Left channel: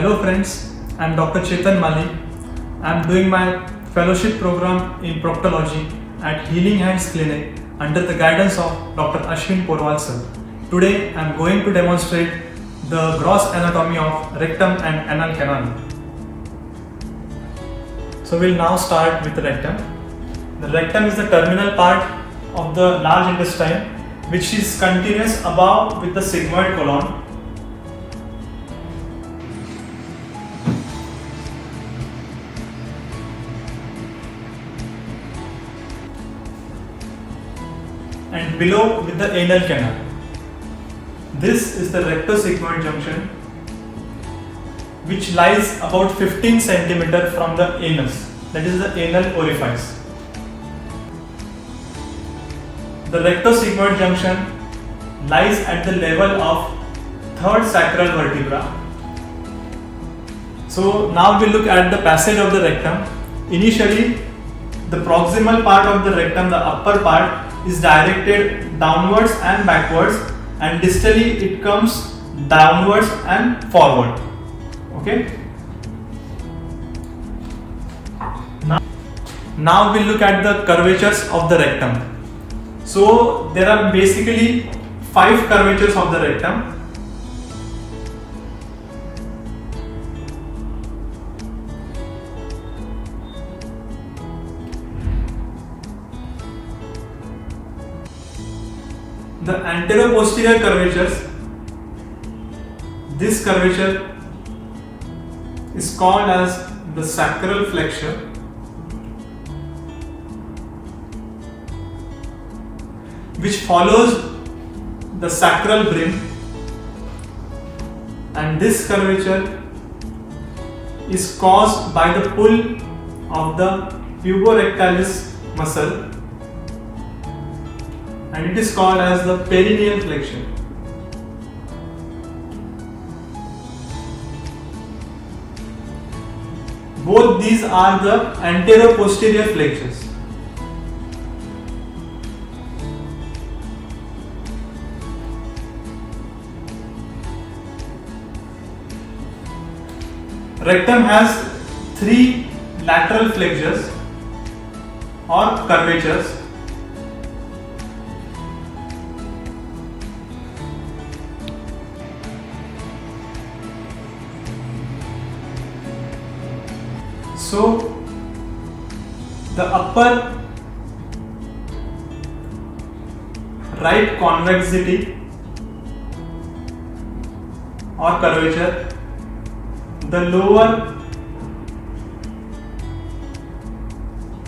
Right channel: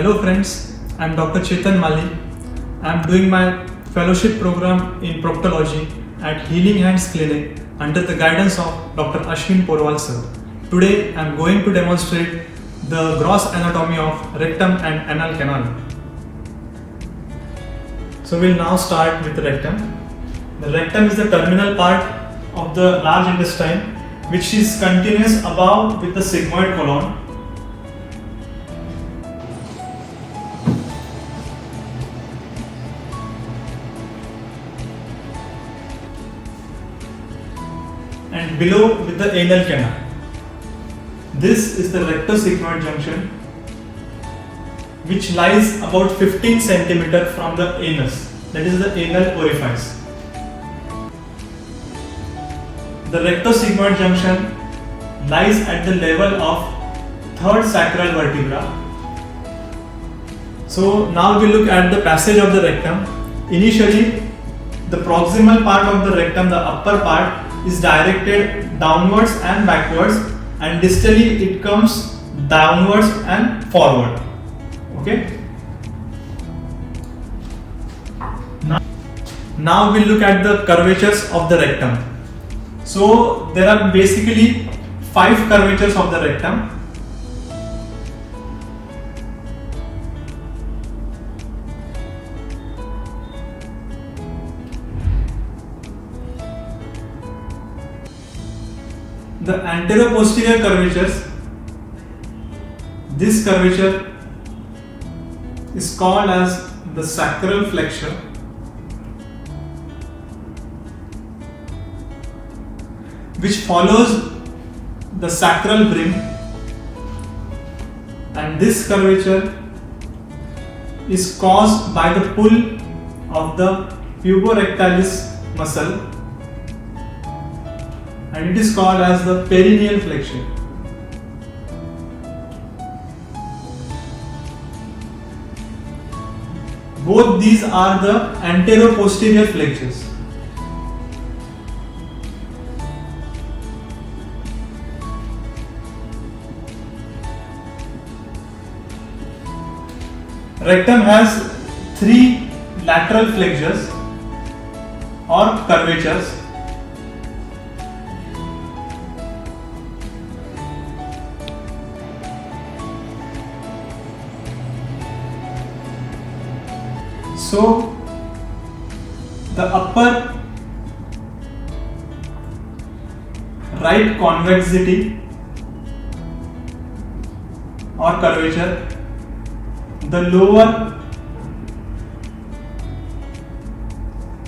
Hello friends, I am Dr. Chetan Mali. I am doing my fellowship program in proctology at Healing Hands Clinic under the guidance of Dr. Ashwin Porwal sir. Today I am going to demonstrate the gross anatomy of rectum and anal canal. So we'll now start with the rectum. The rectum is the terminal part of the large intestine which is continuous above with the sigmoid colon. And below with the anal canal. This is the rectosigmoid junction which lies about 15 cm from the anus, that is the anal orifice. The rectosigmoid junction lies at the level of third sacral vertebra. So now we look at the passage of the rectum. Initially, the proximal part of the rectum, the upper part, is directed downwards and backwards, and distally it comes downwards and forward. Okay. Now we look at the curvatures of the rectum. So there are basically 5 curvatures of the rectum. The anteroposterior curvatures, this curvature is called as the sacral flexure, which follows the sacral brim, and this curvature is caused by the pull of the puborectalis muscle, and it is called as the perineal flexion. Both these are the anteroposterior flexures. Rectum has 3 lateral flexures or curvatures. So the upper right convexity or curvature, the lower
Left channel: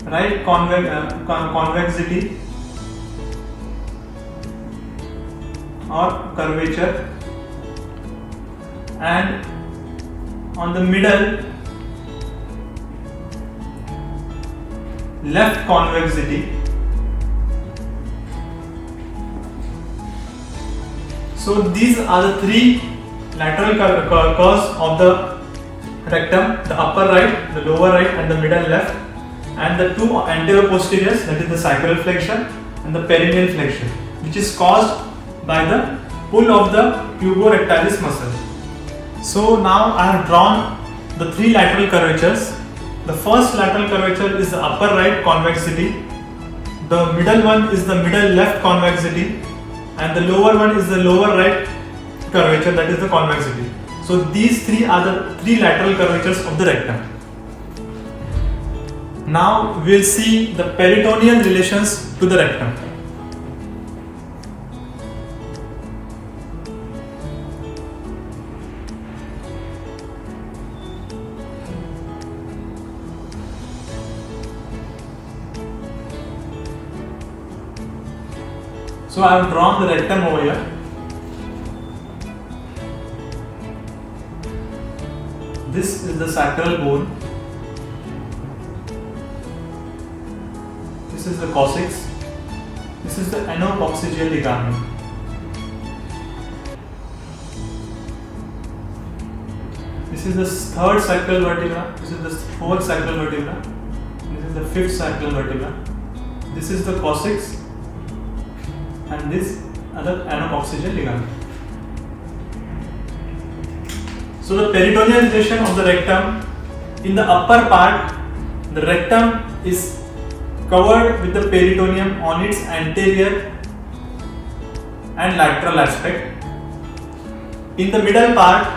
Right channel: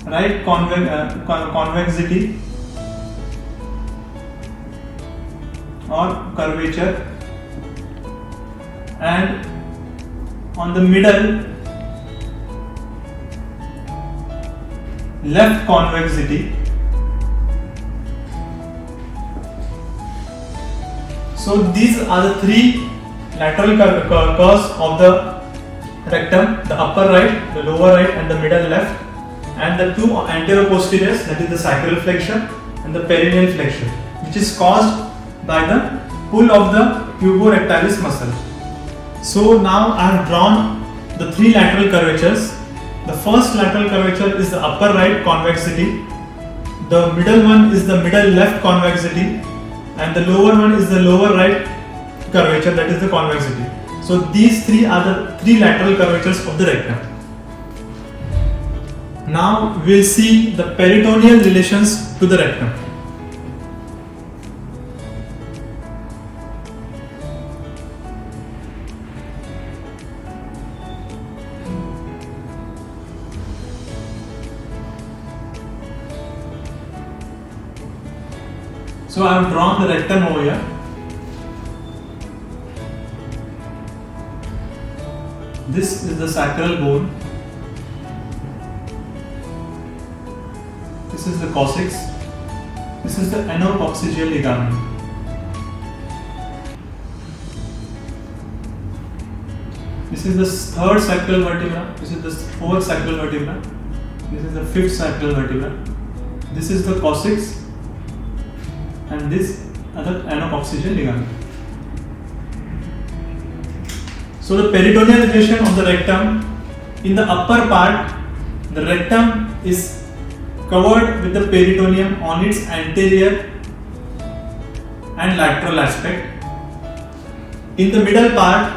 right convexity or curvature, and on the middle left convexity. So these are the 3 lateral curves of the rectum, the upper right, the lower right and the middle left, and the 2 anteroposteriors, that is the sacral flexion and the perineal flexion, which is caused by the pull of the puborectalis muscle. So now I have drawn the 3 lateral curvatures. The first lateral curvature is the upper right convexity, the middle one is the middle left convexity, and the lower one is the lower right curvature, that is the convexity. So these 3 are the 3 lateral curvatures of the rectum. Now we will see the peritoneal relations to the rectum. So I have drawn the rectum over here. This is the sacral bone. This is the coccyx. This is the anococcygeal ligament. This is the 3rd sacral vertebra. This is the 4th sacral vertebra. This is the 5th sacral vertebra. This is the coccyx. And this are the anococcygeal ligament. So the peritoneal relation of the rectum, in the upper part, the rectum is covered with the peritoneum on its anterior and lateral aspect. In the middle part,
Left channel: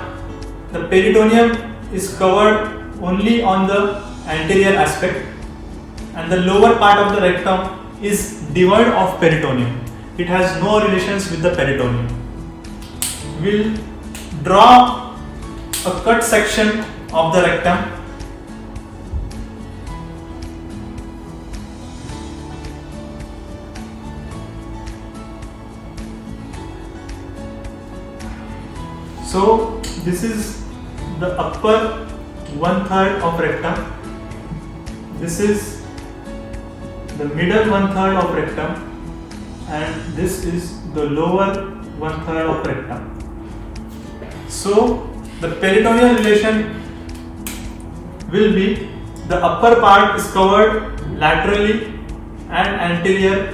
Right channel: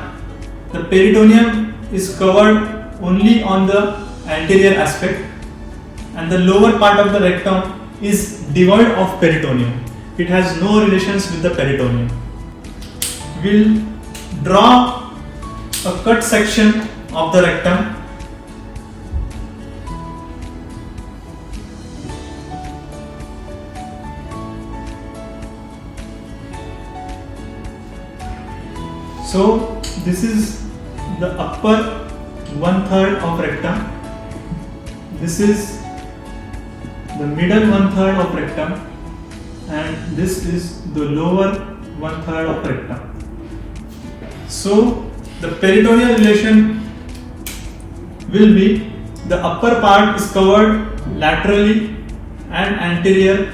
the peritoneum is covered only on the anterior aspect, and the lower part of the rectum is devoid of peritoneum. It has no relations with the peritoneum. We'll draw a cut section of the rectum. So this is the upper 1/3 of rectum. This is the middle 1/3 of rectum, and this is the lower 1/3 of rectum. So the peritoneal relation will be the upper part is covered laterally and anterior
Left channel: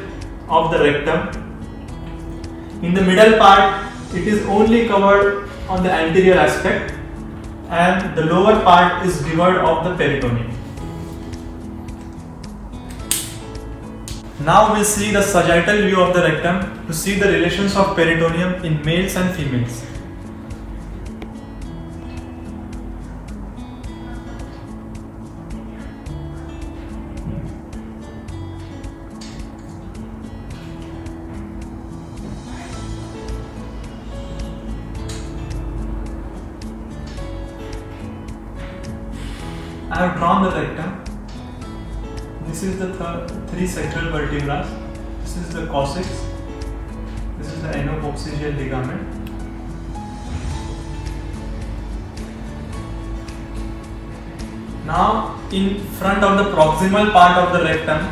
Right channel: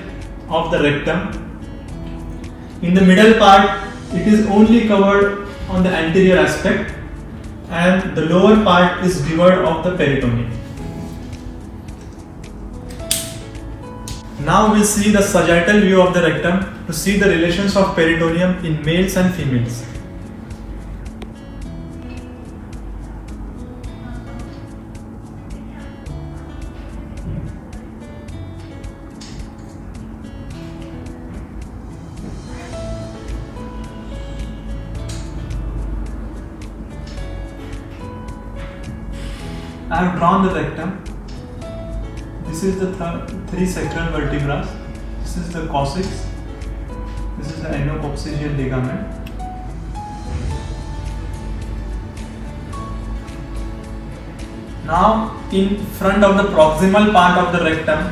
of the rectum. In the middle part, it is only covered on the anterior aspect, and the lower part is devoid of the peritoneum. Now we'll see the sagittal view of the rectum to see the relations of peritoneum in males and females. I have drawn the rectum. This is the three sacral vertebrae. This is the coccyx. This is the anococcygeal ligament. Now, in front of the proximal part of the rectum,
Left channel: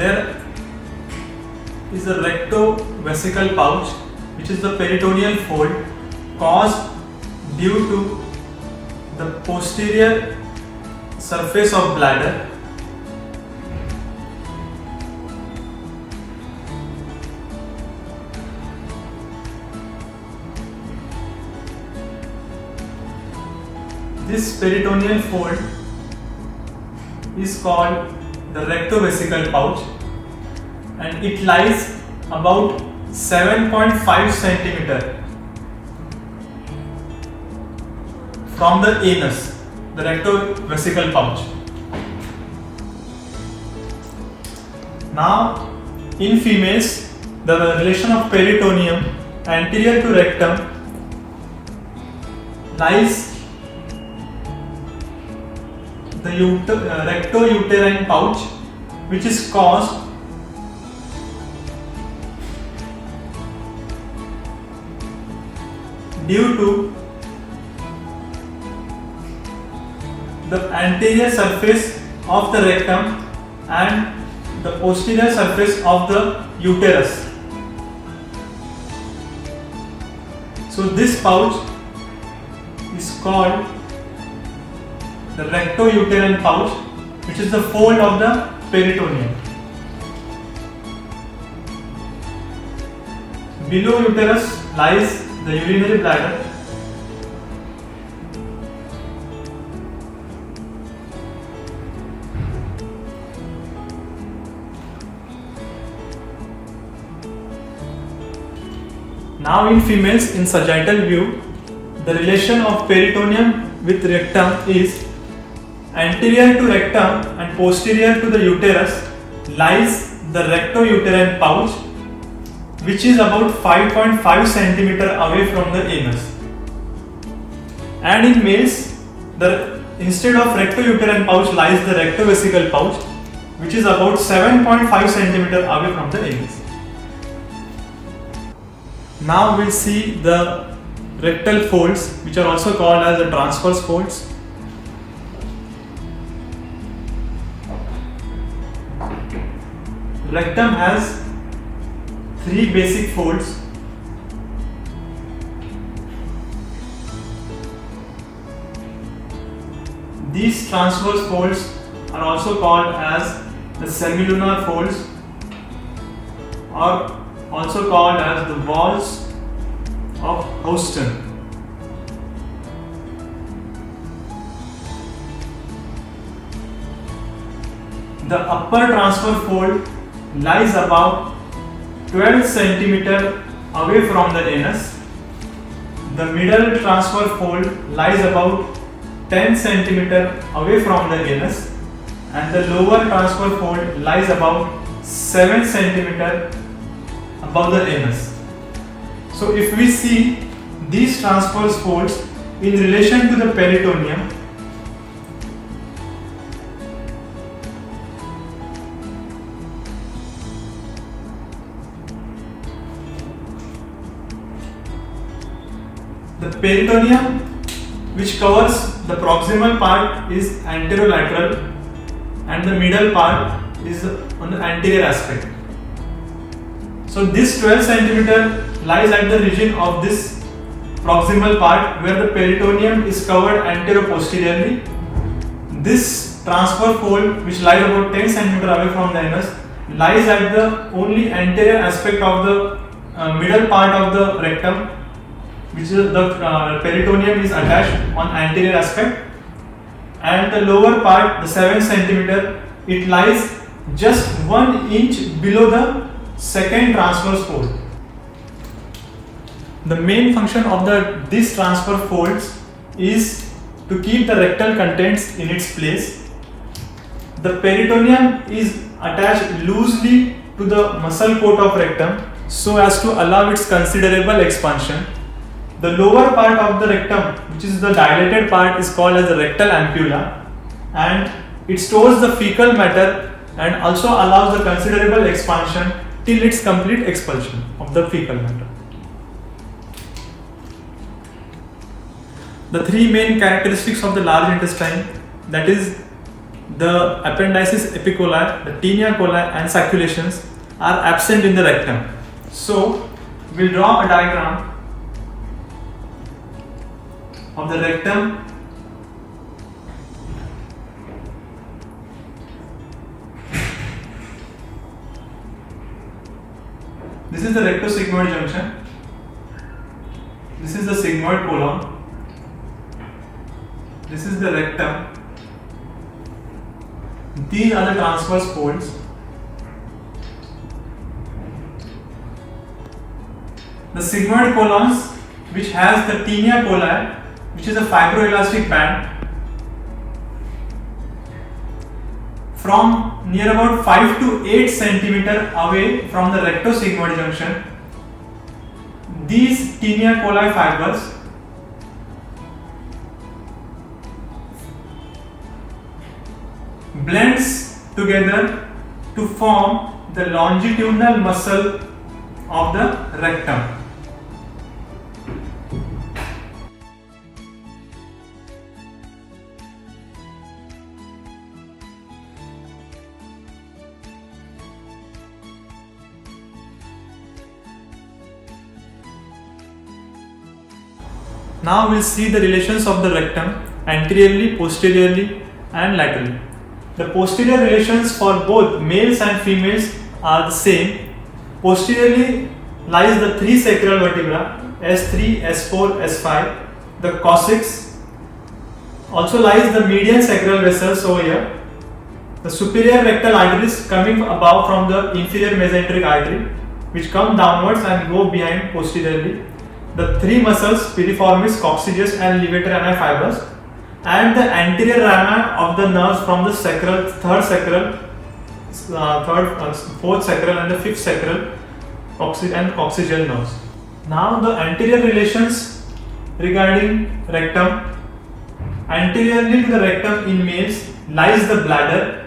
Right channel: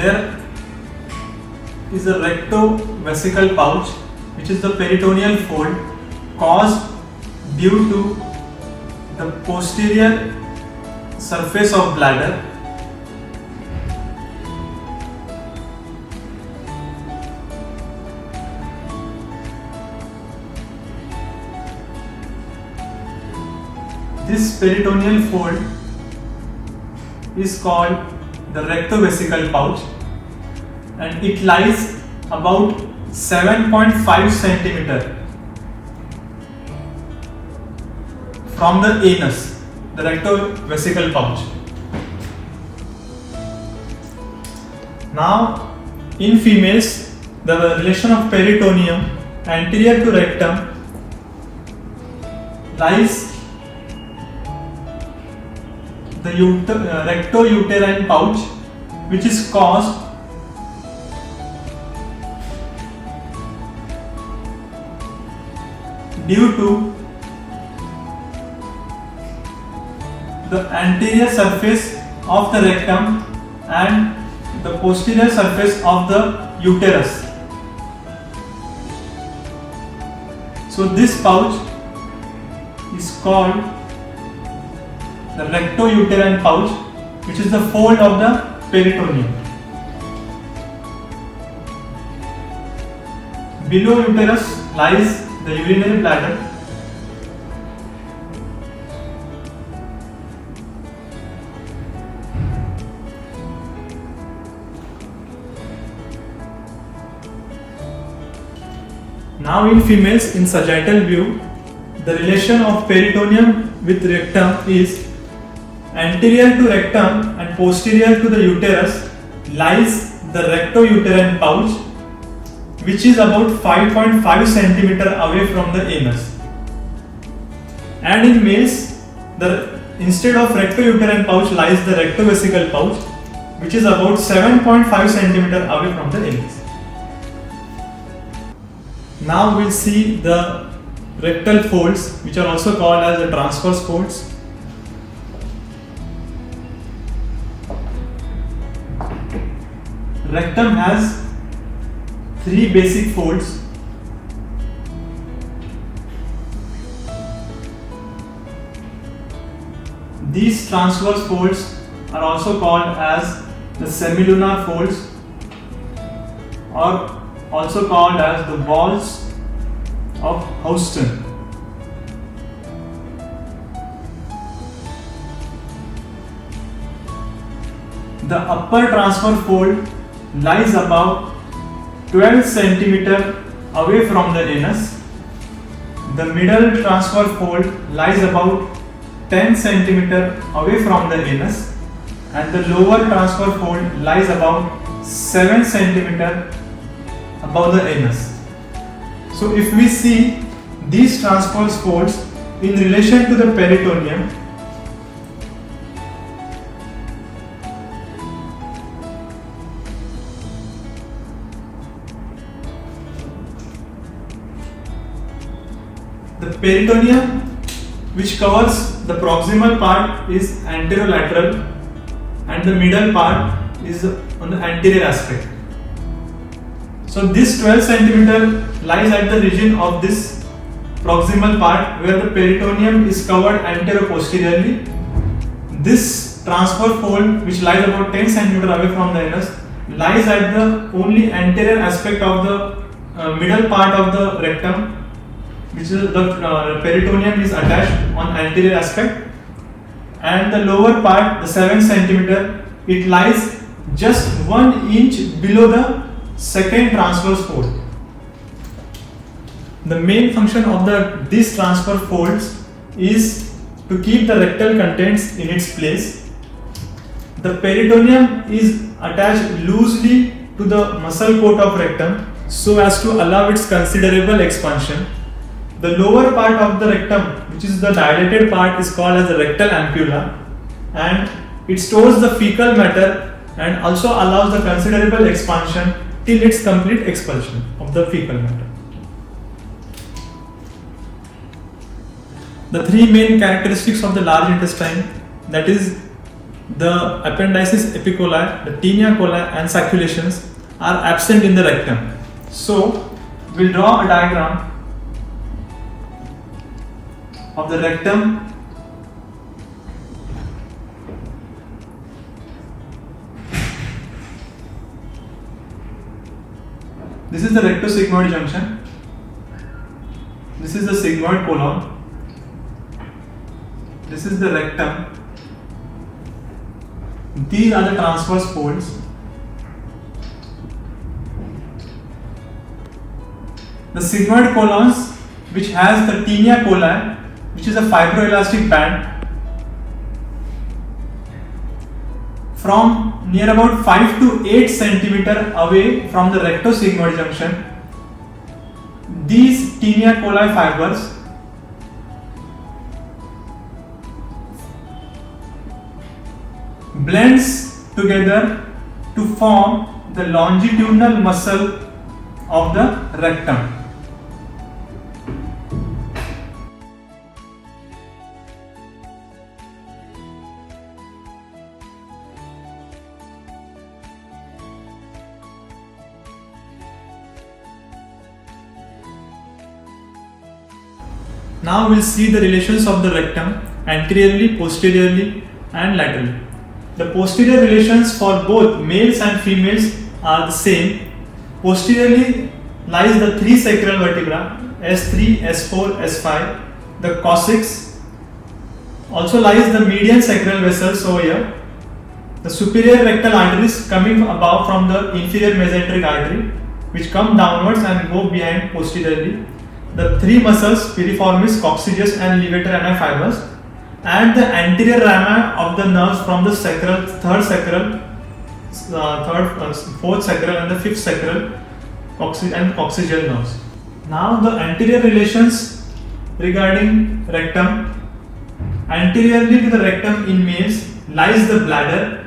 there is a rectovesical pouch, which is the peritoneal fold caused due to the posterior surface of bladder. This peritoneal fold is called the rectovesical pouch, and it lies about 7.5 centimeter from the anus, the rectovesical pouch. Now, in females, the relation of peritoneum anterior to rectum lies the rectouterine pouch, which is caused due to the anterior surface of the rectum and the posterior surface of the uterus. So this pouch is called the rectouterine pouch, which is the fold of the peritoneum. Below uterus lies the urinary bladder. Now in females, in sagittal view, the relation of peritoneum with rectum is anterior to rectum and posterior to the uterus lies the rectouterine pouch, which is about 5.5 centimeter away from the anus. And in males, instead of rectouterine pouch lies the rectovesical pouch, which is about 7.5 centimeter away from the anus. Now we'll see the rectal folds, which are also called as the transverse folds. Rectum has three basic folds. These transverse folds are also called as the semilunar folds, or also called as the walls of Houston. the upper transfer fold lies about 12 cm away from the anus. The middle transfer fold lies about 10 cm away from the anus, and the lower transfer fold lies about 7 cm above the anus. So if we see these transverse folds in relation to the peritoneum, the peritoneum, which covers the proximal part, is anterolateral and the middle part is on the anterior aspect. So this 12 cm lies at the region of this proximal part where the peritoneum is covered anteroposteriorly. This transfer fold, which lies about 10 cm away from the anus, lies at the only anterior aspect of the middle part of the rectum, which is the peritoneum is attached on anterior aspect, and the lower part, the 7 cm, it lies just 1 inch below the second transverse fold. The main function of these transfer folds is to keep the rectal contents in its place. The peritoneum is attached loosely to the muscle coat of rectum so as to allow its considerable expansion. The lower part of the rectum, which is the dilated part, is called as the rectal ampulla, and it stores the fecal matter and also allows the considerable expansion till its complete expulsion of the fecal matter. The three main characteristics of the large intestine, that is the appendices epicoli, the tinea coli and saculations, are absent in the rectum. So we'll draw a diagram of the rectum. This is the rectosigmoid junction. This is the sigmoid colon. This is the rectum. These are the transverse folds. The sigmoid colons, which has the tinea coli, which is a fibroelastic band, from near about 5 to 8 cm away from the rectosigmoid junction. These tinea coli fibers blends together to form the longitudinal muscle of the rectum. Now we'll see the relations of the rectum anteriorly, posteriorly and laterally. The posterior relations for both males and females are the same. Posteriorly lies the three sacral vertebrae, S3, S4, S5, the coccyx. Also lies the median sacral vessels over here. The superior rectal arteries coming above from the inferior mesenteric artery, which come downwards and go behind posteriorly. The three muscles, piriformis, coccygeus and levator ani fibers, and the anterior rami of the nerves from the sacral, fourth sacral and the fifth sacral and coccygeal nerves. Now the anterior relations regarding rectum. Anteriorly to the rectum in males lies the bladder,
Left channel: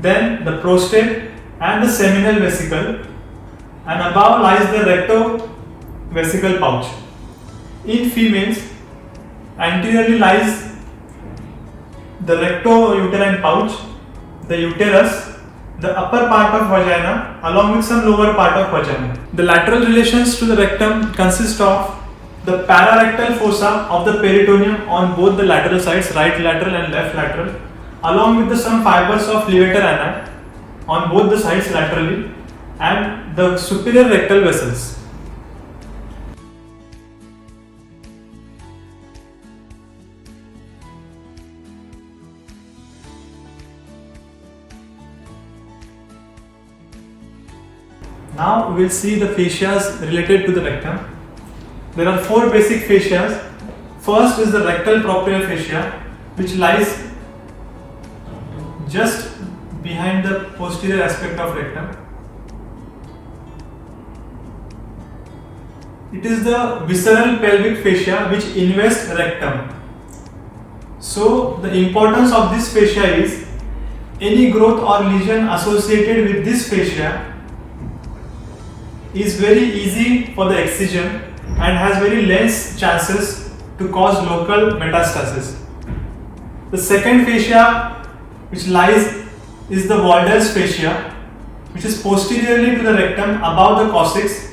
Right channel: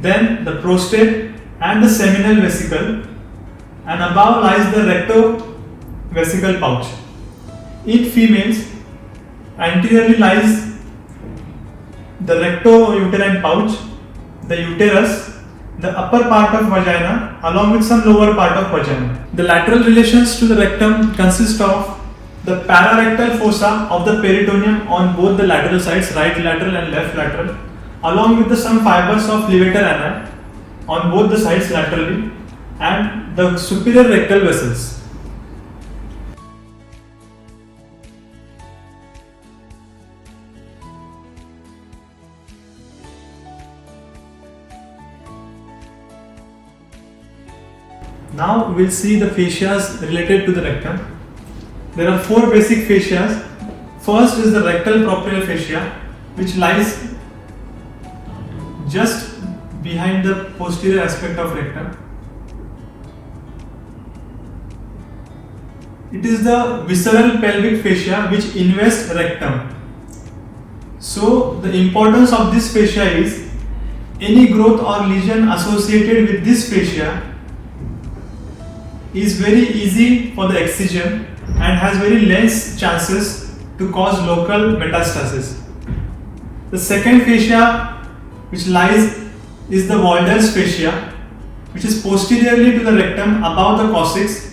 then the prostate and the seminal vesicle, and above lies the rectovesical pouch. In females, anteriorly lies the rectouterine pouch, the uterus, the upper part of vagina along with some lower part of vagina. The lateral relations to the rectum consist of the pararectal fossa of the peritoneum on both the lateral sides, right lateral and left lateral, along with some fibers of levator ani on both the sides laterally, and the superior rectal vessels. Now we will see the fascias related to the rectum. There are four basic fascias. First is the rectal proprial fascia, which lies just behind the posterior aspect of rectum. It is the visceral pelvic fascia which invests rectum. So the importance of this fascia is any growth or lesion associated with this fascia is very easy for the excision and has very less chances to cause local metastasis. The second fascia which lies is the Walder's fascia, which is posteriorly to the rectum above the coccyx.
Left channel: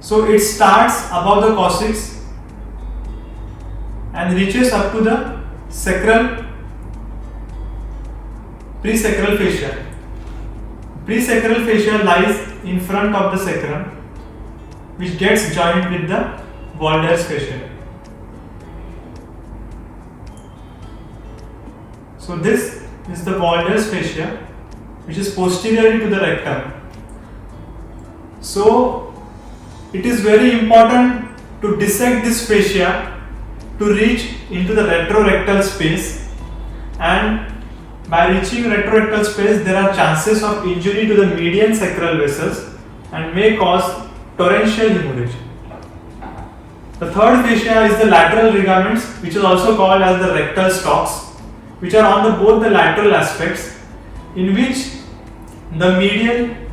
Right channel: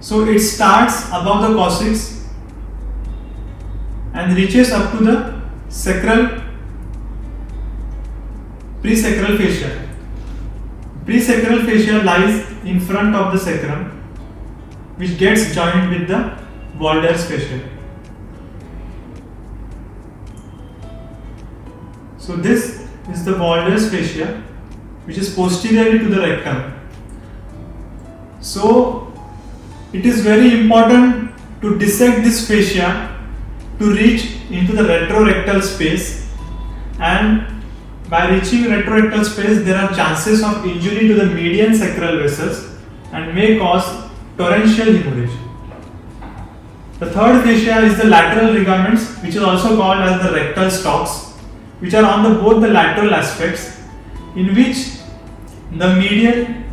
So it starts above the coccyx and reaches up to the presacral fascia. Presacral fascia lies in front of the sacrum, which gets joined with the Walder's fascia. So this is the Walder's fascia, which is posteriorly to the rectum. So it is very important to dissect this fascia to reach into the retrorectal space, and by reaching retrorectal space there are chances of injury to the median sacral vessels and may cause torrential hemorrhage. The third fascia is the lateral ligaments, which is also called as the rectal stalks, which are on both the lateral aspects, in which the median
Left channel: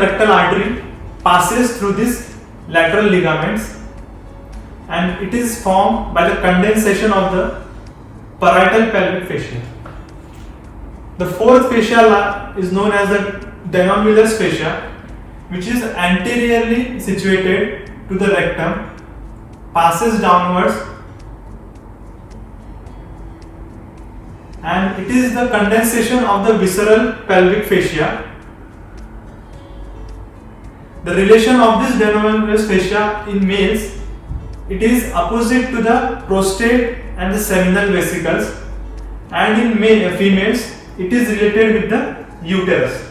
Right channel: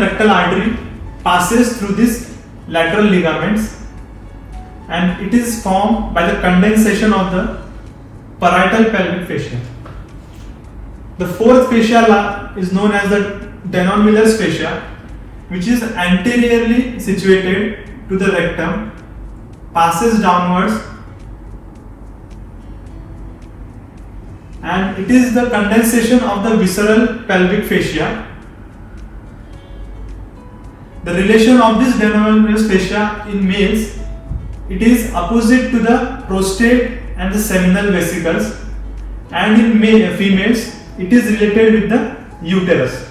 rectal artery passes through these lateral ligaments, and it is formed by the condensation of the parietal pelvic fascia. The fourth fascia is known as the Denonville's fascia, which is anteriorly situated to the rectum, passes downwards, and it is the condensation of the visceral pelvic fascia. The relation of this Denonville's fascia in males, it is opposite to the prostate and the seminal vesicles, and in females it is related with the uterus.